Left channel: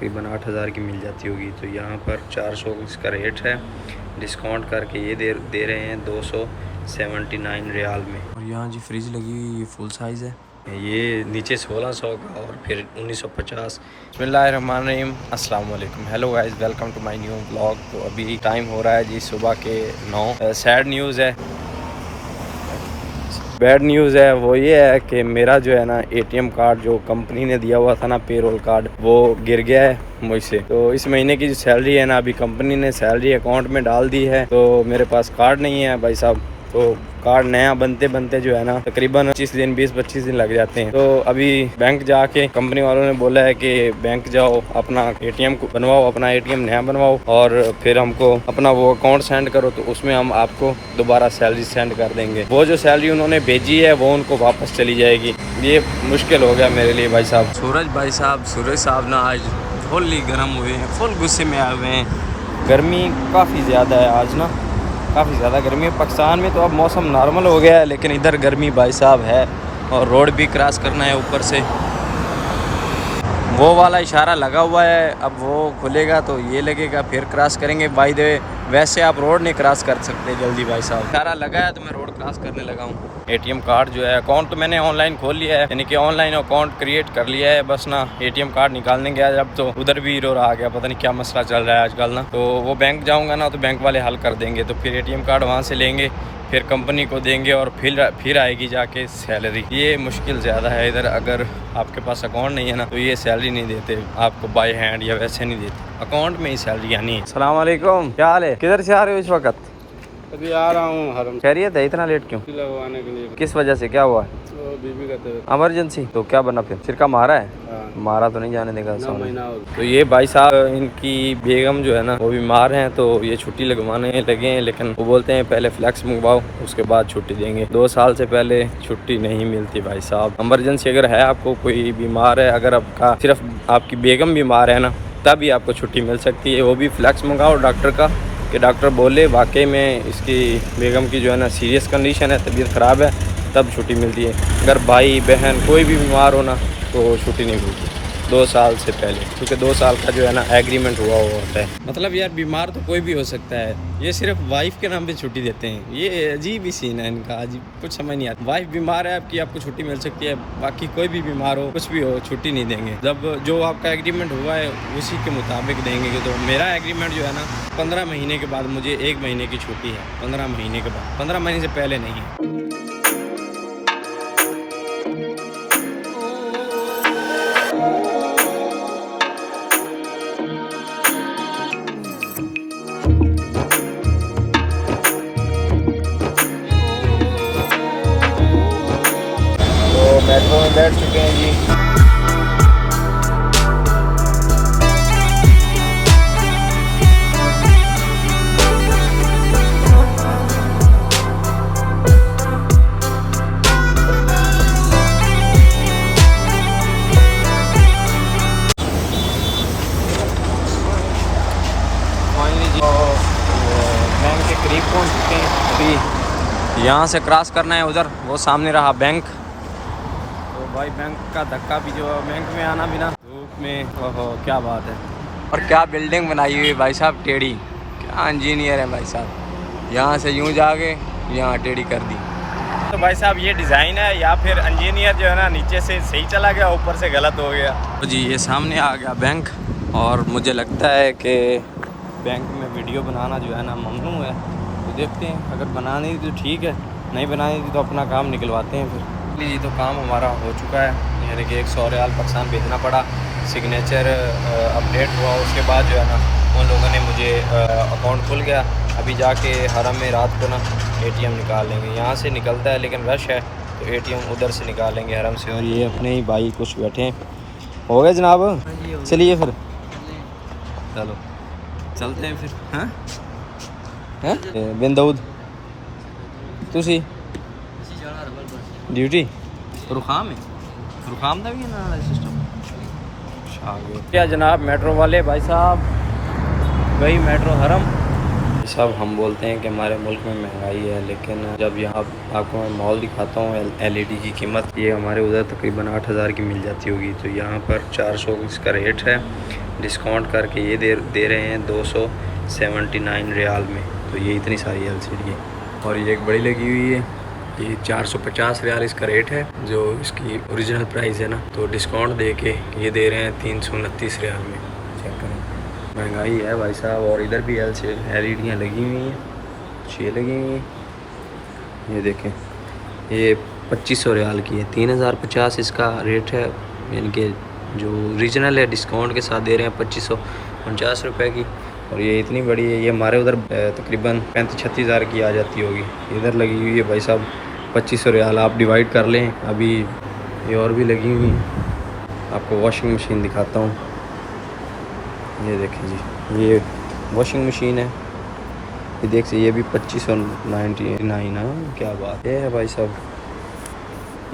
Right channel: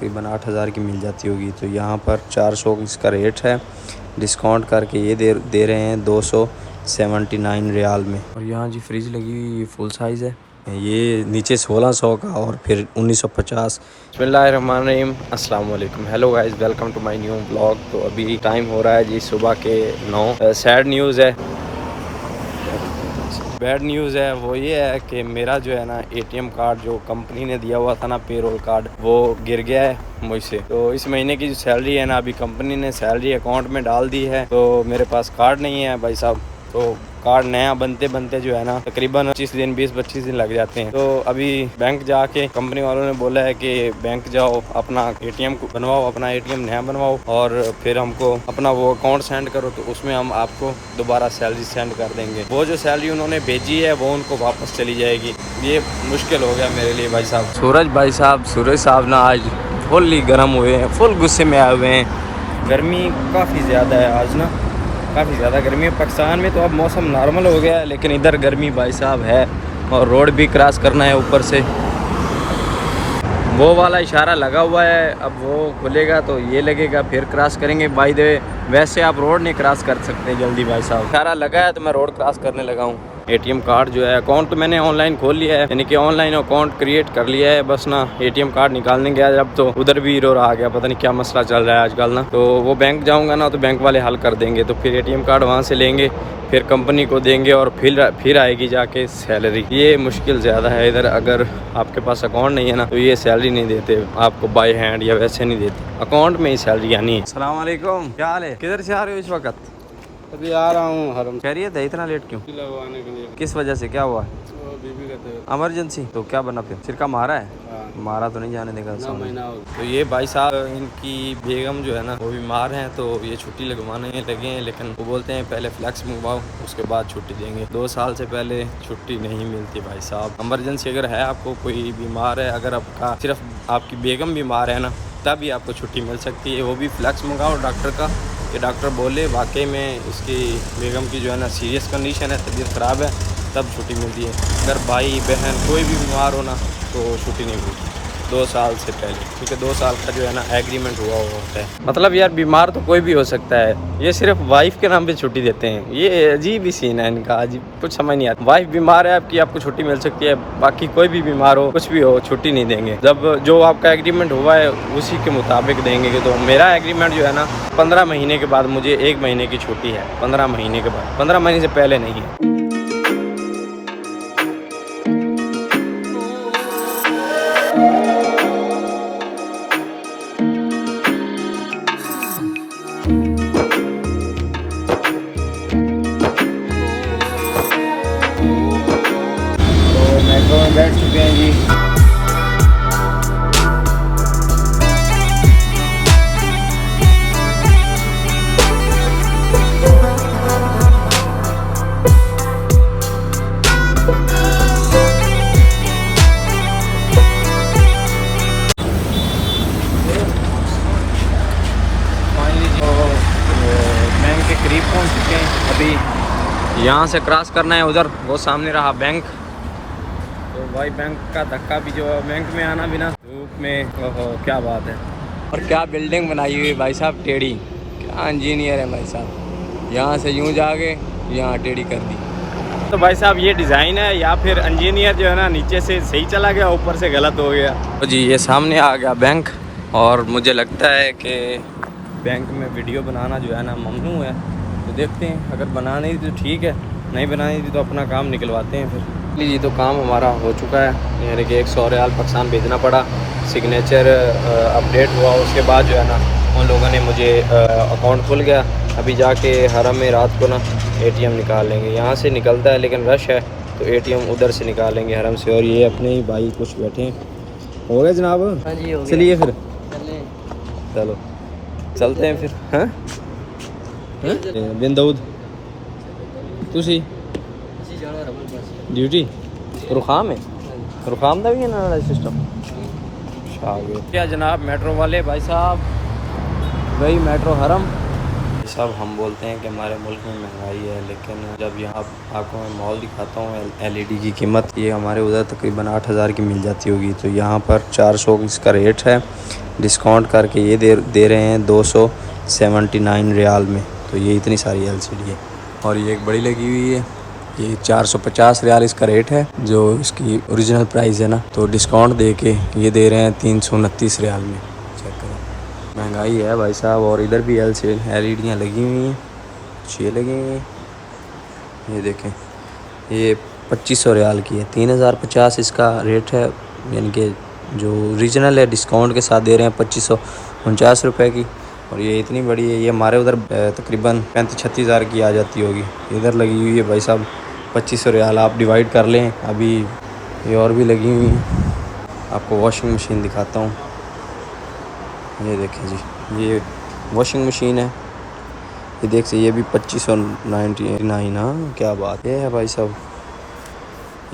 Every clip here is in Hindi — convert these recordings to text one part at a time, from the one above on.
तकरीबन 8,000 की मिल जाती होगी। तो यहाँ पर 400 इसका रेट है, डिस्काउंट करके ये दे रहे हैं 279 रियाल में। और यहाँ जी फ्रिज लगी हुई, ये फुल साइज़ है, ये नीचे 1600 का और फिर 1950। बिस्मिल्लाहिर्रहमानिर्रहीम, अस्सलाम वालेकुम, hello guys, welcome to my new blog. तो अभी टाइम हो रहा है जी सुबह के 9। सैड न्यूज़ है, बैड न्यूज़ है, वो ये है कि मेरा जो है ना एटीएम कार्ड जो कंपनी ने दिया हुआ था ना, पेरोल कार्ड, वो गिर गया है मुझसे। तो इस महीने की जो सैलरी है ना, अभी कंपनी ने सैलरी अकाउंट में डाल दी है, तो मेरे पास कार्ड नहीं है भाई साहब। तो कार्ड नया बनते बनते जो है ना तकरीबन 20-25 दिन लग जाते हैं। तो अभी बैंक जाके कंपनी वालों ने बोला है कि बैंक जाओ, अपना एटीएम को बनवाओ, अपना एटीएम नया बनवाओ और फिर हमको अपना वो अकाउंट सेंड करो, तो उसमें हम आपको दोबारा सैलरी सेंड कर देंगे। वो जो सैलरी उन्होंने भेजी है वो उनको वापस चली जाएगी। ये मुश्किल हो गया मेरे लिए भाई साहब। सूरज साहब ना आज फुल्ली गर्म हुए हैं, फुल गुस्से में आए हुए हैं। गर्मी काफ़ी ज़्यादा है आज ना, काफ़ी ज़्यादा गर्मी है। पाकिस्तान में तो अब मौसम नॉर्मल हो गया है, लेकिन इधर गर्मी भाई साहब है। और रोड भी क्रॉस करना है, ऊपर से वो वाला इशारा लगा हुआ है, अब वो खुलेगा तो ये लगेगा, फिर क्रॉस करेंगे। बाय द वे, वैसे आप रोड नहीं क्रॉस कर सकते जल्दी भाई साहब। इशारा लगा है तो मैं रोड क्रॉस करने लगा हूँ। एटीएम कार्ड जो है, अकाउंट तो मैंने ऑनलाइन खोल लिया है, यानी कि ऑनलाइन अकाउंट क्रिएट कर लिया है। बस ना एटीएम कार्ड निकालने गया जब, तो उधर भी एरर आ गया, पता नहीं क्या मसला चल रहा है आजकल ना। तो वो बैंक जाऊँगा ना तो बैंक वाले हल कर देंगे, तो फिर एटीएम कार्ड वहाँ से लेंगे, फिर कंपनी को देंगे और फिर आएगी जाके सैलरी। ये मुश्किल ज़्यादा है इधर। अगर आपके पास अकाउंट नहीं है ना तो ये सैलरी नहीं देते आपको बाय हैंड, या वैसे नहीं देते, अकाउंट में ही सैलरी आनी है। अस्सलाम वालेकुम, क्या हाल है? किधर से आ रहे हो इस वक्त? अभी आ रहा हूँ हरम। खैरियत है? इतना लेट क्यों? लगवाने के लिए। किस वजह से, क्या हुआ? वो बीबी का तबीयत इमरजेंसी? तो क्या बना फिर? सिरका मारा है? हाँ। मारा तो नहीं जाने देगा। 9 महीना हो गया। तो ये भाई साहब, इनकी बेगम जो है ना वो बीमार हैं, तो ये छुट्टी लगवाने लगे हैं, लेकिन वो बोलते हैं पहले फ्लैक्स मंगवाओ उसके बाद छुट्टी देंगे। 2 साल से पहले छुट्टी नहीं मिलती भाई साहब। इमरजेंसी अगर है, आपको कोई बीमार है, अगर आपका सिर्फ आपकी बेगम बीमार है ना, तभी आपको छुट्टी मिल सकती है। वो भी फ्लैक्स मंगाओ डॉक्टर का, कि डॉक्टर बोले वाकई में इसकी बेगम की जो है ना सीरियस कंडीशन है, तबीयत ख़राब है, तब छुट्टी मिलती है। अगर भाई बहन कोई भी बीमार हो ना तो छुट्टी नहीं मिलती 2 साल से पहले, क्योंकि 2 साल का जो है ना एग्रीमेंट हुआ होता है। मतलब यार, बीमार तो कोई भी हो सकता है, ये सिर्फ वाइफ के नाम पे छुट्टी देते हैं। ये अजीब ही सीन है इनका, अजीब, कुछ समझ नहीं आता। वाइफ बीमार है आपकी, आपको छुट्टी मिल सकती है, बाकी कोई भी बीमार हो, कुछ भी हो, छुट्टी नहीं देंगे। जब जो आपका एग्रीमेंट हुआ है उसी के मुताबिक देंगे। तो मेरा एग्रीमेंट जो है ना 15 महीने के बाद मुझे 1 महीने की छुट्टी है, 15 महीने के बाद, 15 महीने से पहले नहीं है। मेट्रो में बैठ चुके हैं जी। बैंक के करीब पहुंच चुके हैं। अभी यहाँ से क्रॉस करना है, उधर वो सामने रहा बैंक। तो भाई बैंक का धक्का भी, जो बैंक में आना भी ना धूप में, ओहो क्या बात है। और क्या बिल्डिंग बनाई हुई है भाई साहब, टेढ़ी, क्या इंजीनियर है भाई साहब। यहाँ से यूँ जाके यहाँ टेढ़ी कर दी। तो भाई साहब ये डिज़ाइन है, या फिर इंजीनियर जो है ना नीचे से सही चला गया, ऊपर से गलत हो गया। तो जी ये सामने आ गया बैंक, और मुझे लगता है कि बैंक में वीडियो बनाना जो है ना ममनू है। तो देखते हैं, अगर बनानी तो ठीक है, नहीं बनानी तो अपना काम निकलवाते हैं फिर। जी तो काम हमारा हो चुका है, यानी कि 100 रियाल पाकिस्तान भेजना पड़ा, सिग्नेचर अपडेट हुआ, उसके बाद जो है ना उन लोगों ने मुझे अकाउंट खुल गया। अभी जाके हरम में रात को ना एटीएम निकाल लेंगे। यहाँ से निकलता है लेकिन रश है, तो एटीएम उधर से निकालेंगे हरम से। और ये अपने ही भाई कुछ बैठे हैं। हो गया जनाब? हाँ जी, हो गया। चलिए फिर, चलो चलते हैं फिर। हाँ हाँ बिन दाऊद तुसी ड्यूटी रुखाम है, रुखाम का भी है ना सिस्टम। क्या जनाब मेट्रो वाले भाई साहब, वही मेट्रो हरम साहब। हम बोलते हैं कि हमारे मुल्क में महंगाई है, लेकिन जब यहाँ आपको मैं मॉल दिखाता हूँ एलईडी की कीमत, ये हमारे उधर तकरीबन 8,000 की मिल जाती होगी। तो यहाँ पर 400 इसका रेट है, डिस्काउंट करके ये दे रहे हैं 279 रियाल में। तो ये इतनी सारी LCD है। और ये एक बड़ी लगी हुई है, ये 450 रियाल इसका रेट है, जो इसकी ओरिजिनल प्राइस है ना। तो डिस्काउंट दे के ये दे रहे हैं 329 रियाल में। चेक करें, महंगाई है भाई साहब। और इधर भी LCD लगी हुई हैं, 6 लगी हुई हैं। ये देखें, ये 2500 रियाल की है, 3050 इसका रेट है। यानी कि जो ओरिजिनल है डिस्काउंट के साथ दे रहे हैं 2549 रुपये की। और ये इतनी बड़ी है, ये हमारे उधर तकरीबन 35-36 हज़ार की आ जाती होगी। इधर लगी हुई है भाई साहब 2500 रियाल। आप डिवाइड कर लें। अभी ये और भी लगी हुई है, आपको वॉशिंग मशीन दिखाता हूँ। ये देखें जी, ये वॉशिंग मशीन है। ये देख से ये भी 2599। हाँ क्या बात है भाई साहब,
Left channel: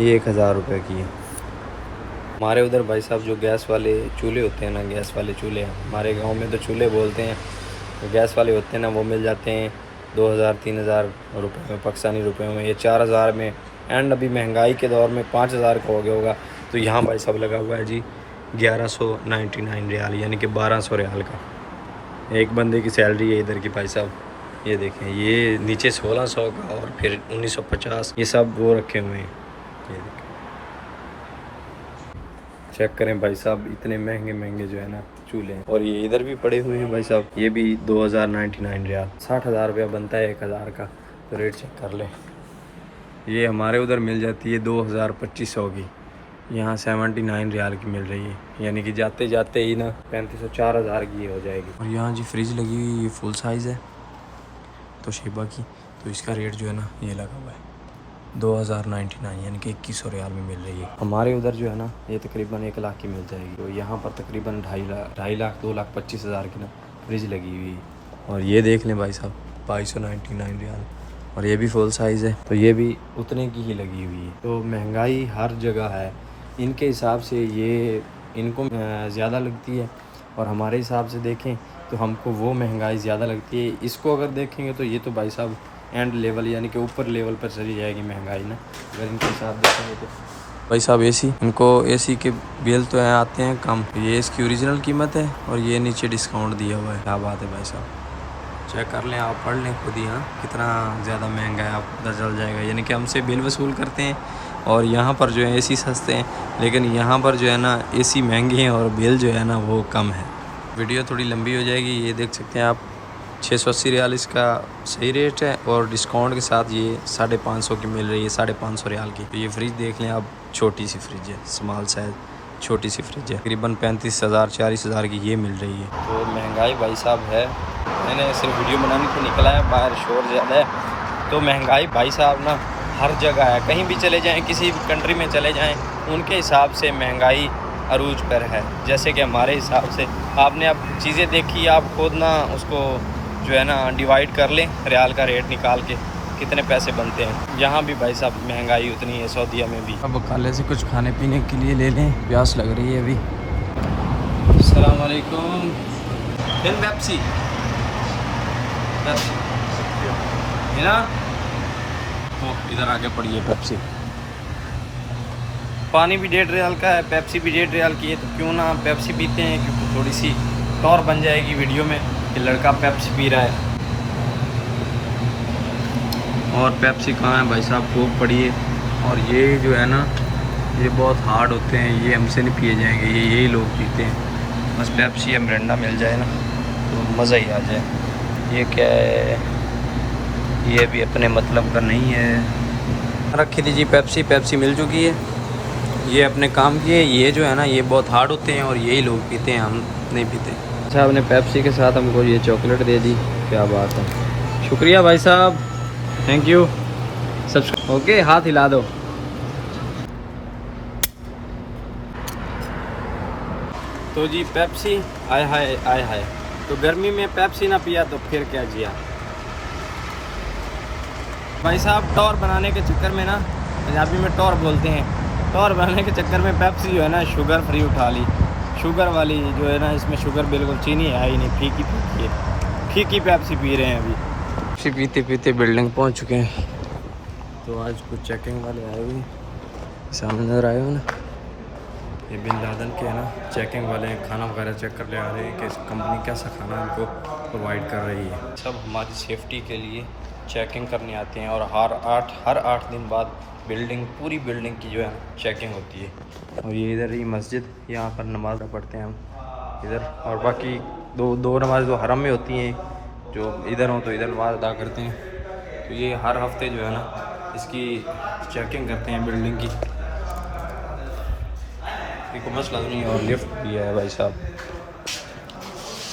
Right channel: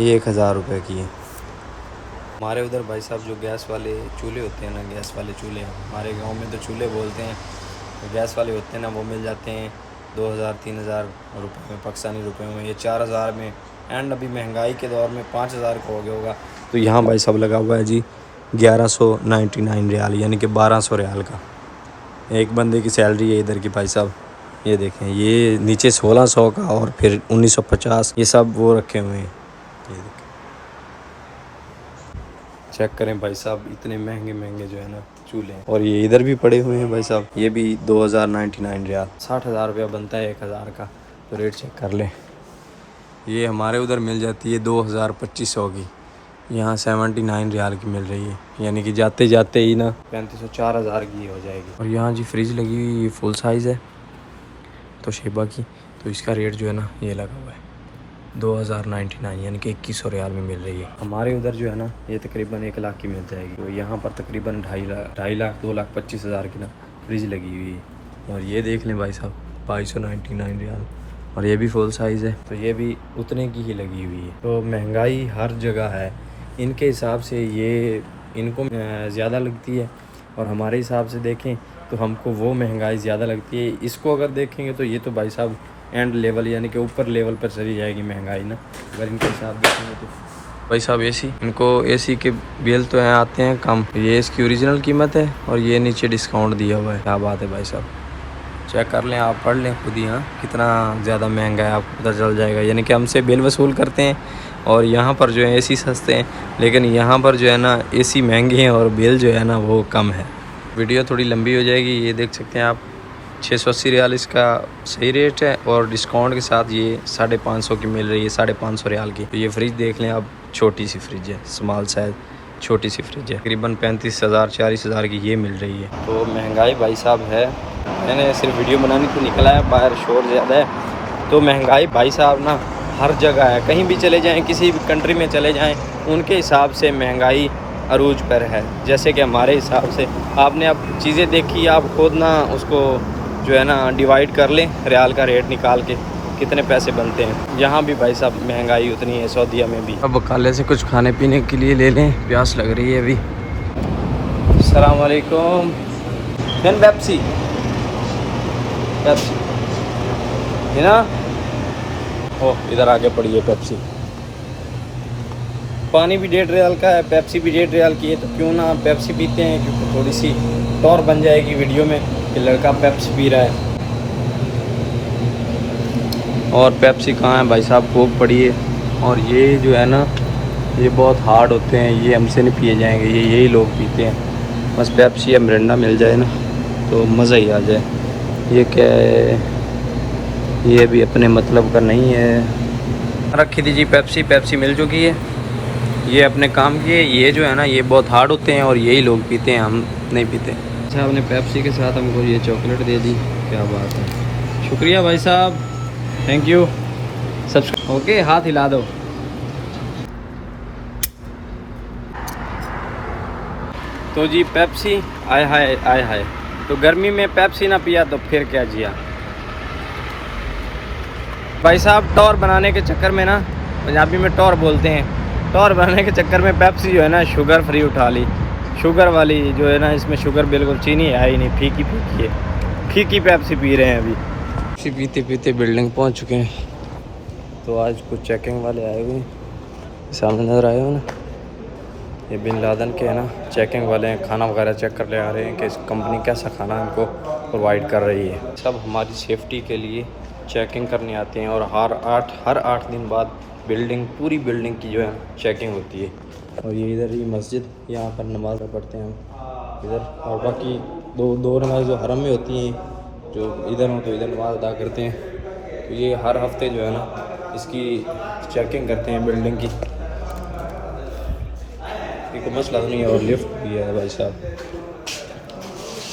ये 1000 रुपये की है। हमारे उधर भाई साहब जो गैस वाले चूल्हे होते हैं ना, गैस वाले चूल्हे, हमारे गांव में तो चूल्हे बोलते हैं, तो गैस वाले होते हैं ना, वो मिल जाते हैं 2000-3000 रुपये में, पाकिस्तानी रुपये में। ये 4000 में, एंड अभी महंगाई के दौर में 5000 का हो गया होगा। तो यहाँ भाई साहब लगा हुआ है जी 1199 रियाल, यानी कि 1200 रियाल का। एक बंदे की सैलरी है इधर की भाई साहब। ये देखें, ये नीचे 1600 का और फिर 1950, ये सब वो रखे हुए हैं। ये देखें, चेक करें भाई साहब, इतने महंगे महंगे जो है ना चूल्हे हैं। और ये इधर भी पड़े हुए हैं भाई साहब, ये भी 2099 रियाल, 60,000 रुपया बनता है 1000 का। तो रेट चेक कर लें। ये हमारे उधर मिल जाती है 2200 की, यहाँ 79 रियाल की मिल रही है। यानी कि जाते जाते ही ना 3500-4000 की हो जाएगी। और यहाँ जी फ्रिज लगी हुई, ये फुल साइज़ है तो शेबा की। तो इसका रेट जो है ना ये लगा हुआ है 2099, यानी कि 2100 रियाल में मिल रही है। हमारे उधर जो है ना ये तकरीबन 1 लाख की मिल जाएगी। तो यहाँ पर तकरीबन 2.5 लाख 2,25,000 की ना फ्रिज लगी हुई है। और ये देख लें भाई साहब 2299 रियाल, और ये भी फुल साइज़ है, तो ये भी उतने की ही लगी हुई है। तो महंगाई हर जगह है, इनके हिसाब से ये इनको ज़्यादा लगती है, और हमारे हिसाब से देखें तो हमको वो महंगाई ज़्यादा लगती है। इसको अगर देखेंगे तो ये तो भाई साहब एंड लेवल, यानी कि ऊपर लेवल पर चली जाएगी महंगाई ना, अगर इनके हिसाब देखेंगे तो। भाई साहब AC, इनको AC के बिल तो हैं आते हैं कम। ये इसकी ओरिजिनल कीमत है, और ये नीचे डिस्काउंट दिया हुआ है। क्या बात है भाई साहब, चेक कर लें, आप पढ़ लें खुद ही। हाँ कितना ज़्यादा महंगा है, आपको पता चल जाएगा। यानी कि हमसे बिल वसूल करते हैं, और यहाँ पर जो है AC सस्ते हैं, लेकिन यहाँ पर जो है ना AC महंगे हैं और बिल जो है ना वो कम है। वीडियो थोड़ी लंबी हो जाएगी। ये देख सकते हैं आप 680 रियाल इसका सही रेट है, और डिस्काउंट के साथ ये 550 की मिल रही है, 550 रियाल की। तो ये फ्रिज देख लें आप, छोटी सी फ्रिज है, स्मॉल साइज छोटी सी फ्रिज है, तकरीबन 35,000-40,000 की ये मिल रही है। तो महंगाई भाई साहब है। मैंने सिर्फ वीडियो बनाने को निकला है, बाहर शोर ज़्यादा है। तो महंगाई भाई साहब ना हर जगह है, कहीं भी चले जाएँ, किसी भी कंट्री में चले जाएँ, उनके हिसाब से महंगाई अरूज पर है। जैसे कि हमारे हिसाब से आपने अब चीज़ें देखी, आप खुद ना उसको जो है ना डिवाइड कर लें, रियाल का रेट निकाल के कितने पैसे बनते हैं। यहाँ भी भाई साहब महंगाई उतनी है, सऊदीया में भी। अब काले से कुछ खाने पीने के लिए ले लें, प्यास लग रही है अभी। अस्सलाम वालेकुम। पेप्सी है ना, ओह इधर आगे पड़ी है पेप्सी। पानी भी 1.5 रियाल का है, पेप्सी भी 1.5 रियाल की है। तो क्यों ना पेप्सी पीते हैं, क्योंकि थोड़ी सी टौर बन जाएगी वीडियो में कि लड़का पेप्सी पी रहा है। और पेप्सी कहाँ है भाई साहब, कोक पड़ी है। और ये जो है ना ये बहुत हार्ड होते हैं, ये हमसे नहीं पिए जाएंगे, ये यही लोग पीते हैं। बस पेप्सी या मिरिंडा मिल जाए ना तो मज़ा ही आ जाए। ये क्या है, ये भी अपने मतलब का नहीं है। रखी थी जी पेप्सी मिल चुकी है, ये अपने काम की है। ये जो है ना ये बहुत हार्ड होते हैं, और यही लोग पीते हैं, हम नहीं पीते। अच्छा, आपने पेप्सी के साथ हमको ये चॉकलेट दे दी, क्या बात है, शुक्रिया भाई साहब, थैंक यू। सब्सक्राइब ओके, हाथ हिला दो। तो जी पेप्सी, आय हाय। तो गर्मी में पेप्सी ना पिया तो फिर क्या जिया भाई साहब। टौर बनाने के चक्कर में ना, पंजाबी में टौर बोलते हैं, टौर बनाने के चक्कर में पेप्सी जो है ना शुगर फ्री उठा ली। शुगर वाली जो है ना, इसमें शुगर बिल्कुल चीनी है ही नहीं, फीकी है, फीकी पेप्सी पी रहे हैं अभी। पेप्सी पीते पीते बिल्डिंग पहुंच चुके हैं। तो आज कुछ चेकिंग वाले आए हुए, सामने नजर आए हो ना, ये बिन लादेन के है ना चेकिंग वाले हैं, खाना वगैरह चेक कर ले आ रहे हैं कि कंपनी कैसा खाना हमको प्रोवाइड कर रही है। सब हमारी सेफ्टी के लिए चेकिंग करने आते हैं और हर 8 दिन बाद पूरी बिल्डिंग की जो है चेकिंग होती है। और ये इधर ही मस्जिद, यहाँ पर नमाज पढ़ते हैं हम इधर, और बाकी दो नमाज जो हरम में होती हैं, जो इधर हो तो इधर नमाज अदा करते हैं। तो ये हर हफ्ते जो है ना इसकी चेकिंग करते हैं बिल्डिंग की। कोई मसला तो नहीं है। और लिफ्ट भी है भाई साहब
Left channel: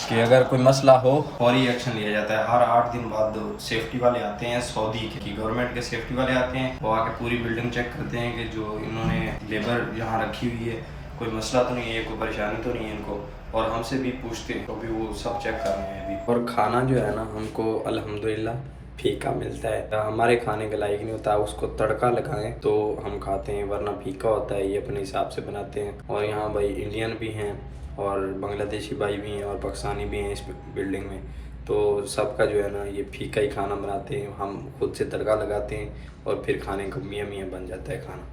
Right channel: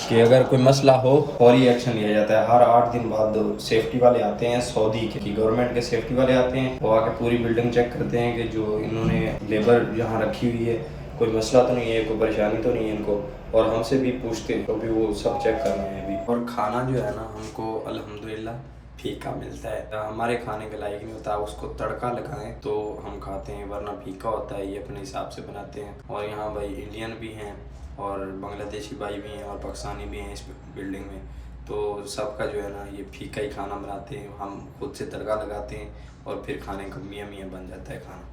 कि अगर कोई मसला हो फौरी एक्शन लिया जाता है। हर 8 दिन बाद सेफ्टी वाले आते हैं, सऊदी की गवर्नमेंट के सेफ्टी वाले आते हैं, वो आके पूरी बिल्डिंग चेक करते हैं कि जो इन्होंने लेबर यहाँ रखी हुई है कोई मसला तो नहीं है, कोई परेशानी तो नहीं है इनको, और हमसे भी पूछते हैं, तो भी वो सब चेक कर रहे हैं अभी। और खाना जो है ना हमको अल्हम्दुलिल्लाह फीका मिलता है, हमारे खाने के लायक नहीं होता, उसको तड़का लगाएं तो हम खाते हैं, वरना फीका होता है। ये अपने हिसाब से बनाते हैं। और यहाँ भाई इंडियन भी हैं और बांग्लादेशी भाई भी हैं और पाकिस्तानी भी हैं इस बिल्डिंग में, तो सबका जो है ना ये फीका ही खाना बनाते हैं। हम खुद से तड़का लगाते हैं और फिर खाने का मियाँ मियाँ बन जाता है खाना।